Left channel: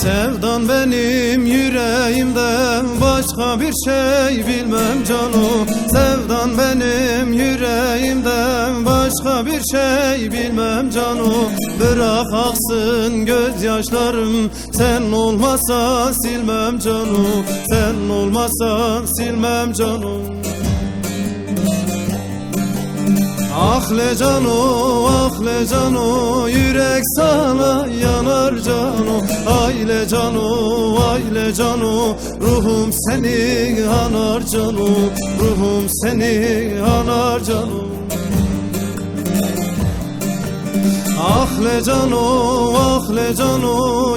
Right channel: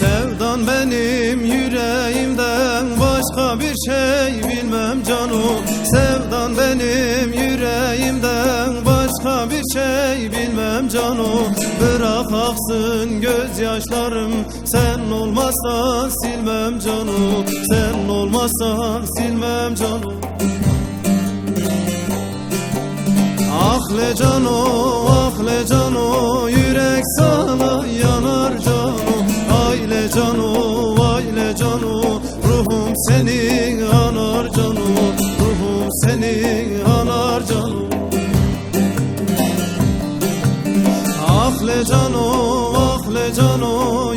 Sevdan benim yüreğimden başka bir şey bilmem canım. Sevdan benim yüreğimden başka bir şey bilmem canım. Bırak aksın gözyaşlarım, sen olmazsan silmem canım. Sen olmazsan silmem canım. Ah le cano, ah le cano, yürek sana yanar cano. Ay le cano, ay le cano, ruhum seni anar cano. Ruhum seni anar cano. Ah le cano, ah le cano,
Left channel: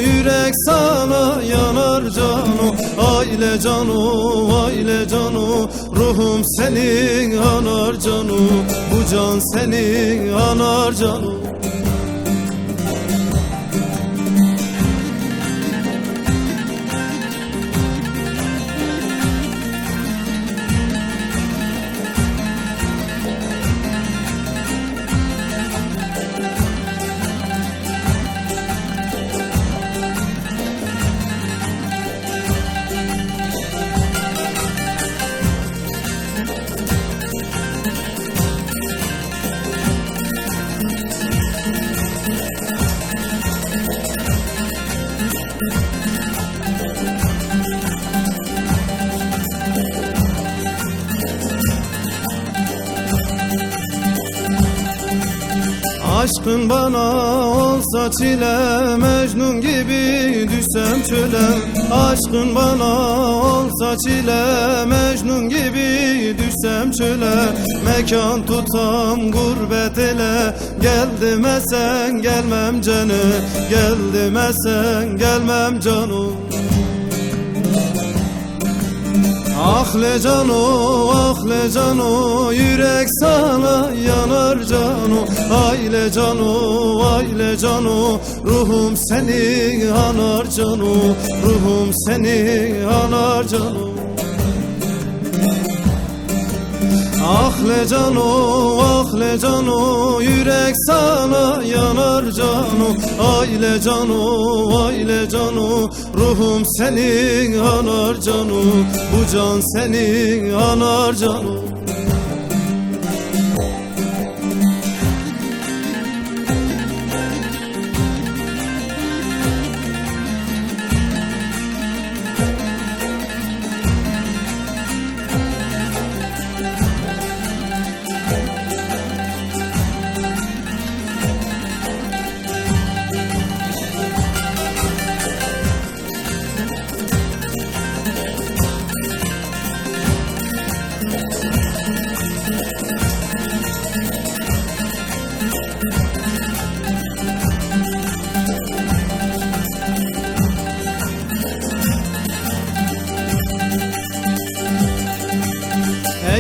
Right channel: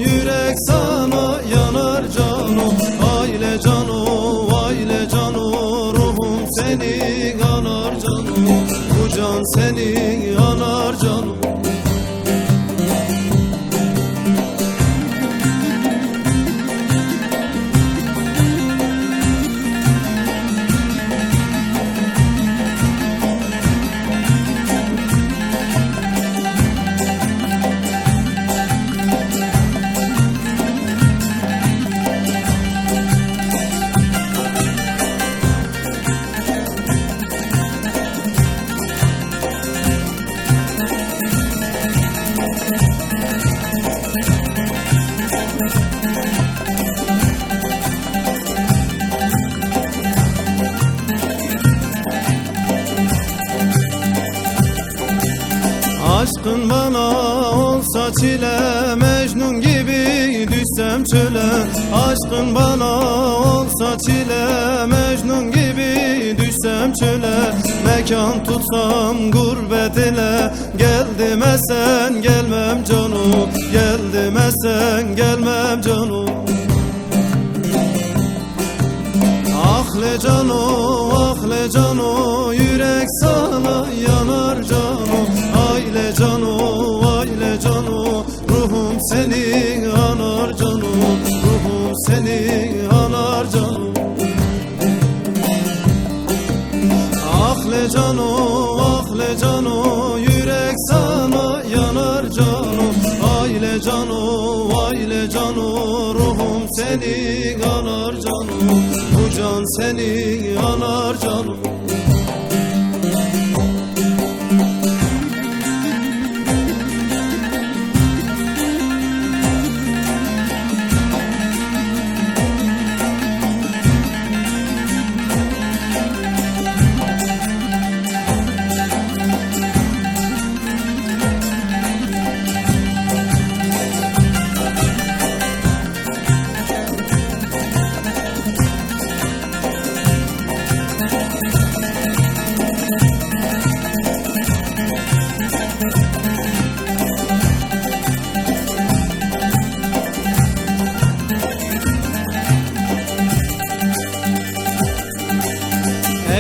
yürek sana yanar cano. Ay le cano, ay le cano, ruhum seni anar cano. Bu can seni anar cano. Aşkın bana olsa çile, Mecnun gibi düşsem çöle. Aşkın bana olsa çile, Mecnun gibi düşsem çöle. Mekan tutsam gurbet ele, gel demesen gelmem canım. Gel demesen gelmem canım. Ah le cano, ah le cano, yürek sana yanar cano. Ay le cano, ay le cano, ruhum seni anar cano. Ruhum seni anar cano. Ah le cano, ah le cano, yürek sana yanar cano. Ay le cano, ay le cano, ruhum seni anar cano. Bu can seni anar cano.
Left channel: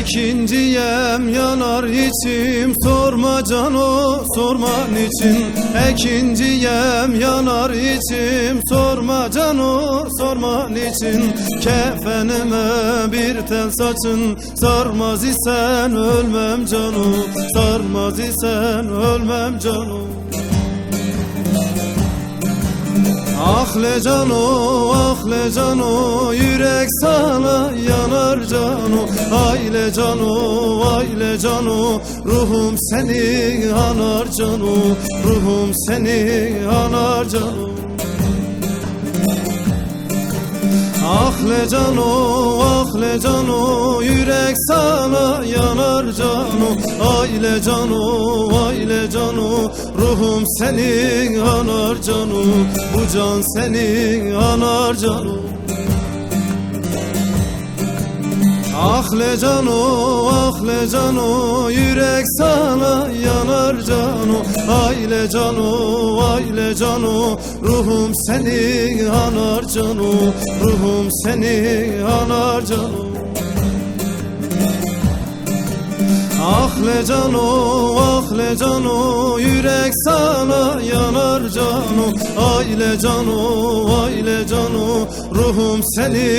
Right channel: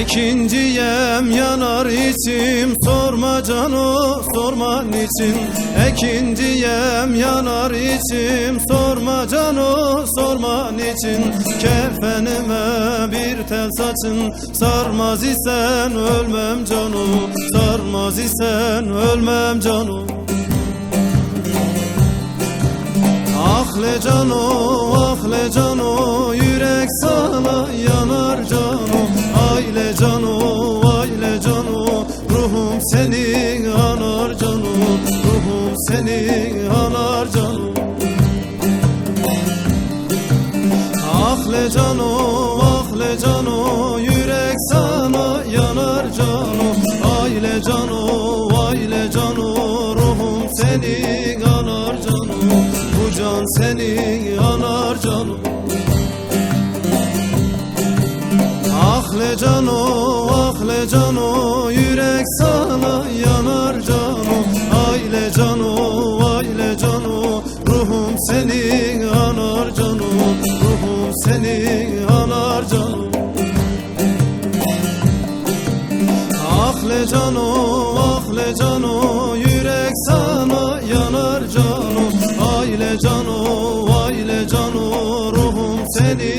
İkinciyem yanar içim, sorma cano, sorma niçin. İkinciyem yanar içim, sorma cano, sorma niçin. Kefenime bir tel saçın, sarmaz isen ölmem cano. Sarmaz isen ölmem cano. Ah le cano, ah le cano, yürek sana yanar cano. Ay le cano, ay le cano, ruhum seni anar cano. Ruhum seni anar cano. Ah le cano, ah le cano, yürek sana yanar cano. cano, aile cano, aile cano, ruhum seni anar cano, bu can seni anar cano. Ahle cano, yürek sana yanar cano, aile cano, ruhum seni anar cano, ruhum seni anar cano. Ahle cano, yürek sana yanar cano, aile cano, ruhum seni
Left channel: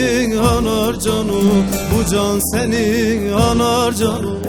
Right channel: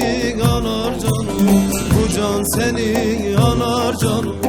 anar cano, bu can seni anar cano.